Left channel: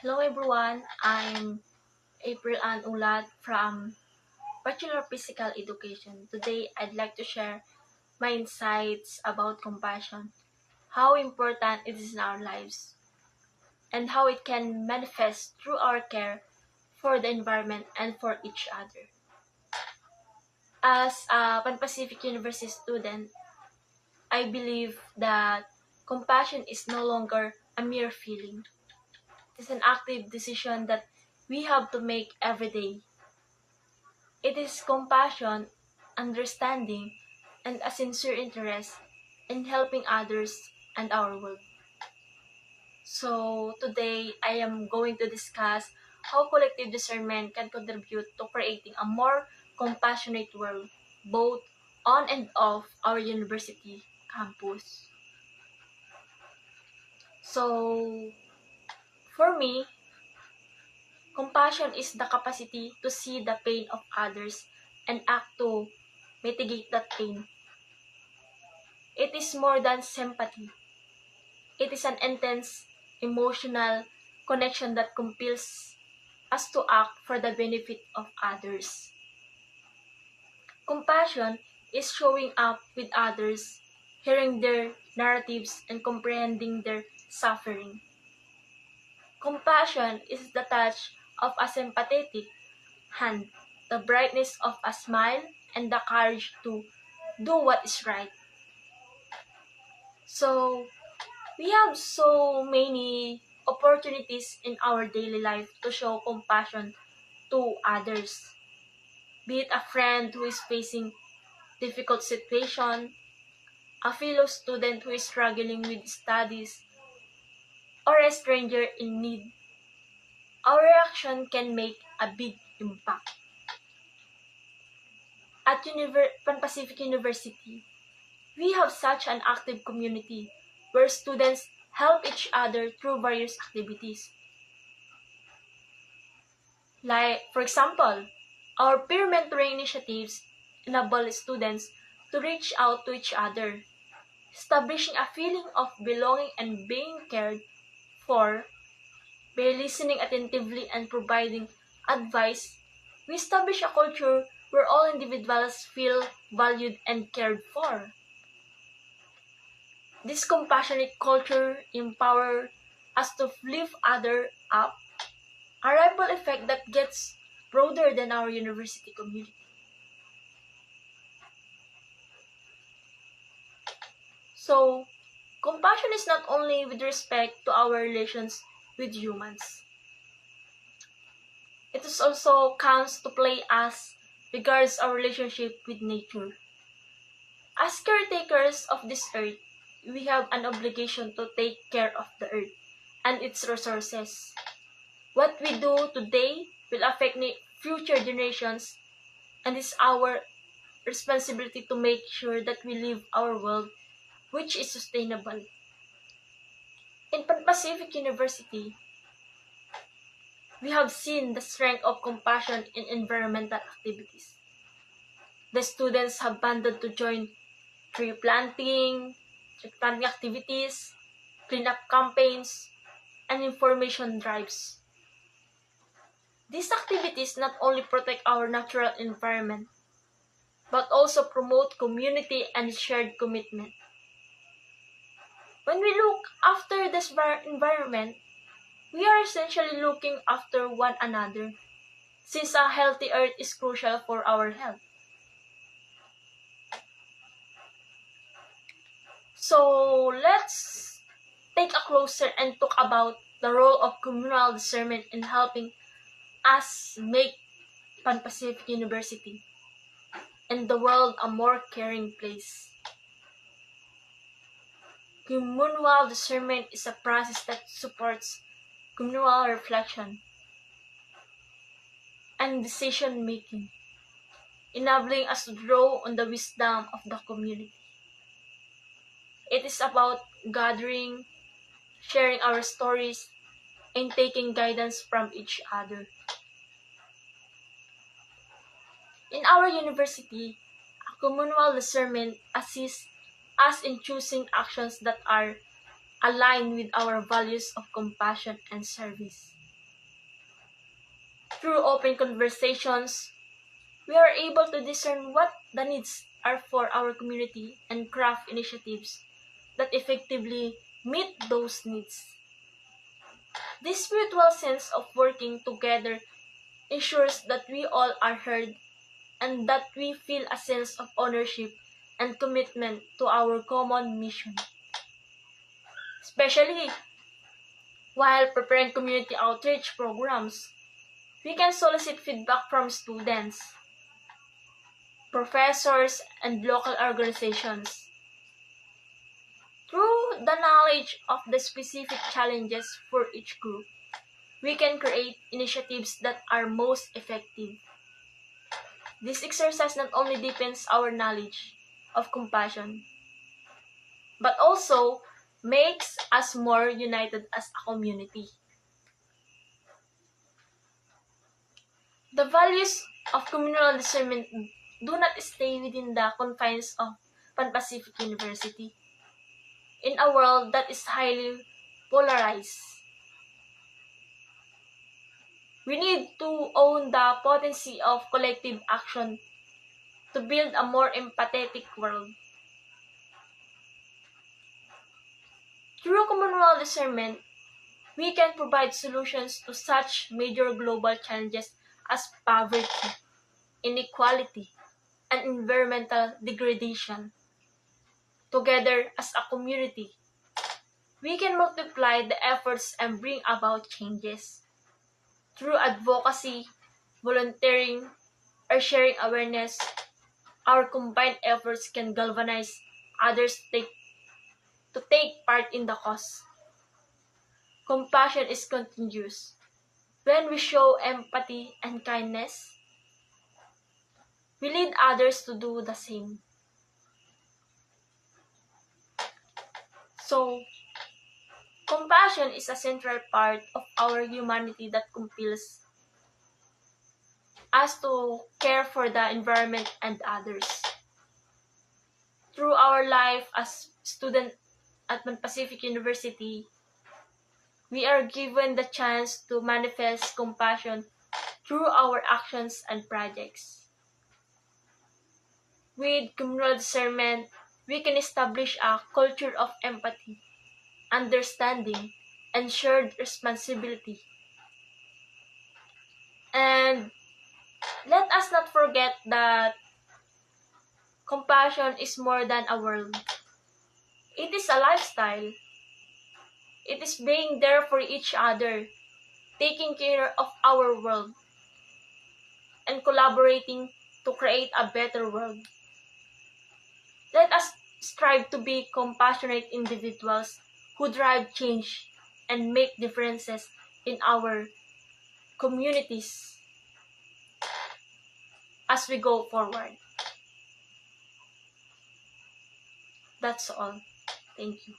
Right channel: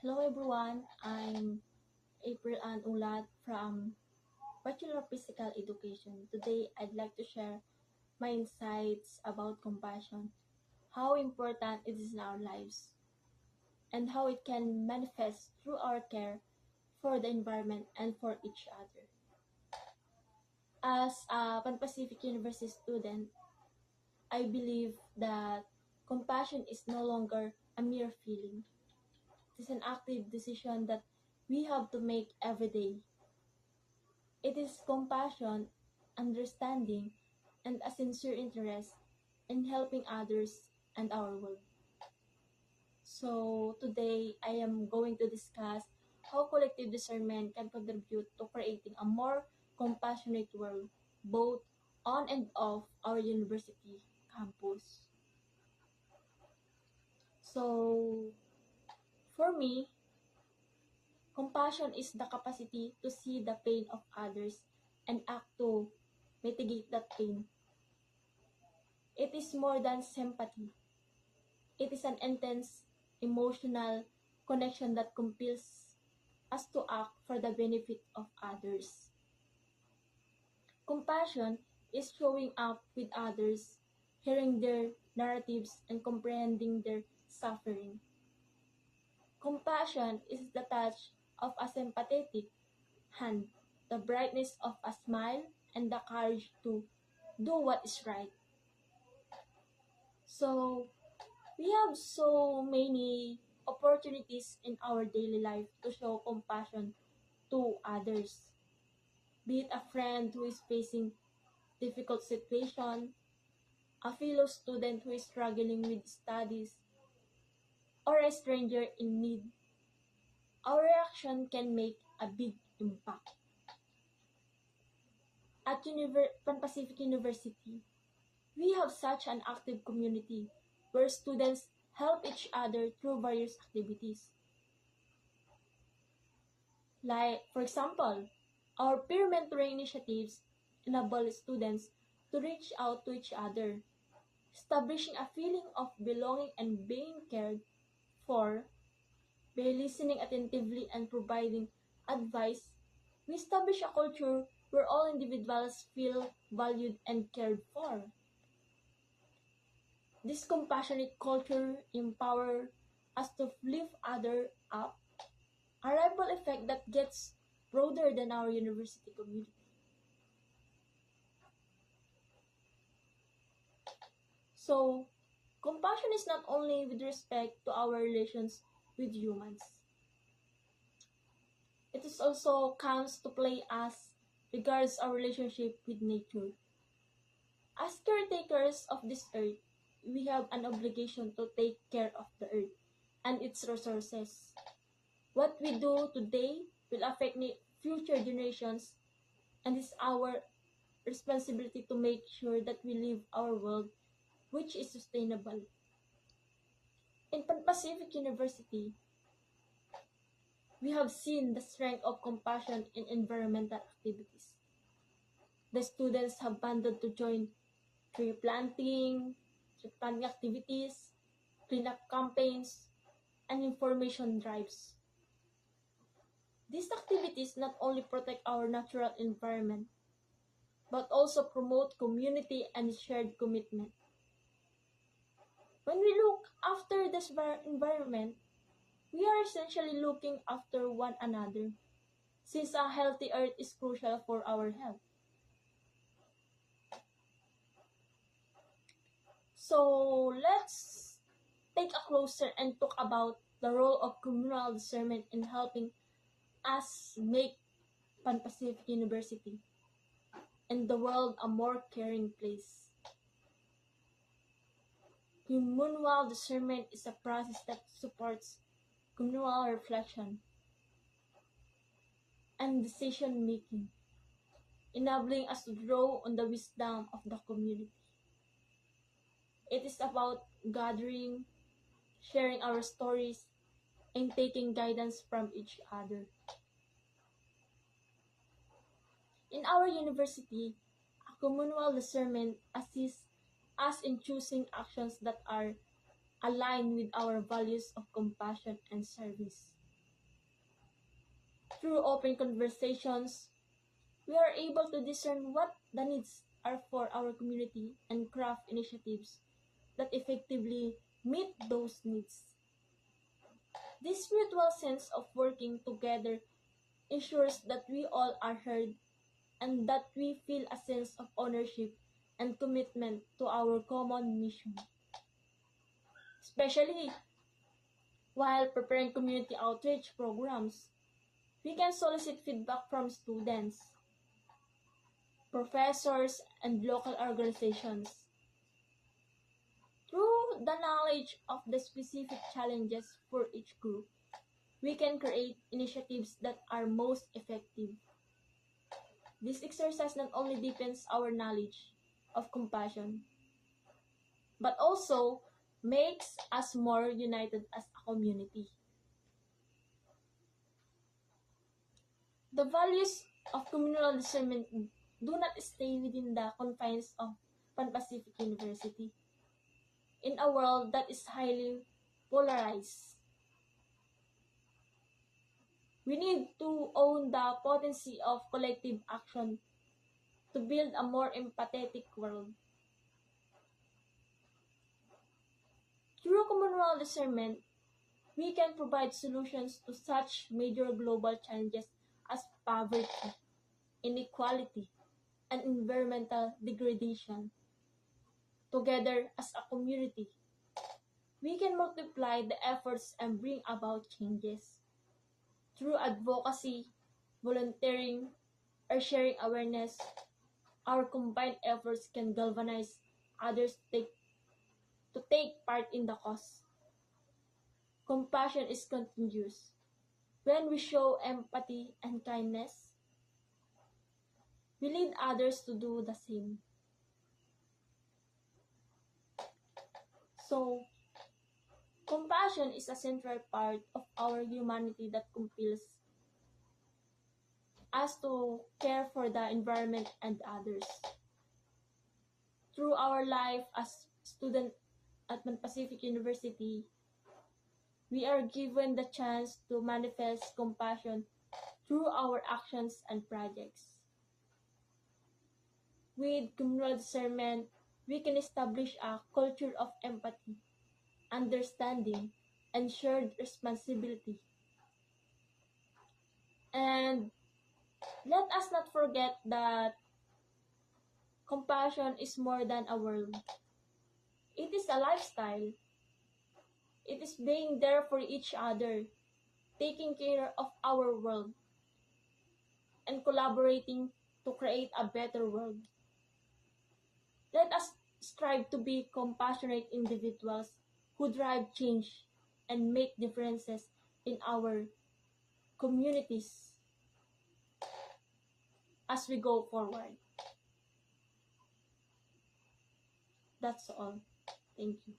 Hello everyone, I'm April Ann Ulat from Bachelor of Physical Education. Today, I'd like to share my insights about compassion, how important it is in our lives, and how it can manifest through our care for the environment and for each other. As a Pan Pacific University student, I believe that compassion is no longer a mere feeling. It is an active decision that we have to make every day. It is compassion, understanding, and a sincere interest in helping others and our world. So today I am going to discuss how collective discernment can contribute to creating a more compassionate world, both on and off our university campus. So for me, compassion is the capacity to see the pain of others and act to mitigate that pain. It is more than sympathy. It is an intense emotional connection that compels us to act for the benefit of others. Compassion is showing up with others, hearing their narratives, and comprehending their suffering. Compassion is the touch of a sympathetic hand, the brightness of a smile, and the courage to do what is right. So, we have so many opportunities in our daily life to show compassion to others. Be it a friend who is facing difficult situation, a fellow student who is struggling with studies, or a stranger in need. Our reaction can make a big impact. At Pan Pacific University, we have such an active community where students help each other through various activities. Like, for example, our peer mentoring initiatives enable students to reach out to each other, establishing a feeling of belonging and being cared for. By listening attentively and providing advice, we establish a culture where all individuals feel valued and cared for. This compassionate culture empowers us to lift others up, a ripple effect that gets broader than our university community. So, compassion is not only with respect to our relations with humans. It is also comes to play as regards our relationship with nature. As caretakers of this earth, we have an obligation to take care of the earth and its resources. What we do today will affect future generations, and it's our responsibility to make sure that we live our world which is sustainable. In Pan Pacific University, we have seen the strength of compassion in environmental activities. The students have banded to join tree planting activities, cleanup campaigns, and information drives. These activities not only protect our natural environment, but also promote community and shared commitment. When we look after this environment, we are essentially looking after one another, since a healthy earth is crucial for our health. So let's take a closer and talk about the role of communal discernment in helping us make Pan Pacific University and the world a more caring place. Communal discernment is a process that supports communal reflection and decision making, enabling us to draw on the wisdom of the community. It is about gathering, sharing our stories, and taking guidance from each other. In our university, a communal discernment assists us in choosing actions that are aligned with our values of compassion and service. Through open conversations, we are able to discern what the needs are for our community and craft initiatives that effectively meet those needs. This spiritual sense of working together ensures that we all are heard and that we feel a sense of ownership and commitment to our common mission. Especially while preparing community outreach programs, we can solicit feedback from students, professors, and local organizations. Through the knowledge of the specific challenges for each group, we can create initiatives that are most effective. This exercise not only deepens our knowledge of compassion, but also makes us more united as a community. The values of communal discernment do not stay within the confines of Pan Pacific University. In a world that is highly polarized, we need to own the potency of collective action to build a more empathetic world. Through communal discernment, we can provide solutions to such major global challenges as poverty, inequality, and environmental degradation. Together as a community, we can multiply the efforts and bring about changes. Through advocacy, volunteering, or sharing awareness, our combined efforts can galvanize others to take part in the cause. Compassion is contagious. When we show empathy and kindness, we lead others to do the same. So, compassion is a central part of our humanity that compels us to care for the environment and others. Through our life as student at Pan Pacific University, we are given the chance to manifest compassion through our actions and projects. With communal discernment, we can establish a culture of empathy, understanding, and shared responsibility. And let us not forget that compassion is more than a word. It is a lifestyle. It is being there for each other, taking care of our world, and collaborating to create a better world. Let us strive to be compassionate individuals who drive change and make differences in our communities as we go forward. That's all. Thank you.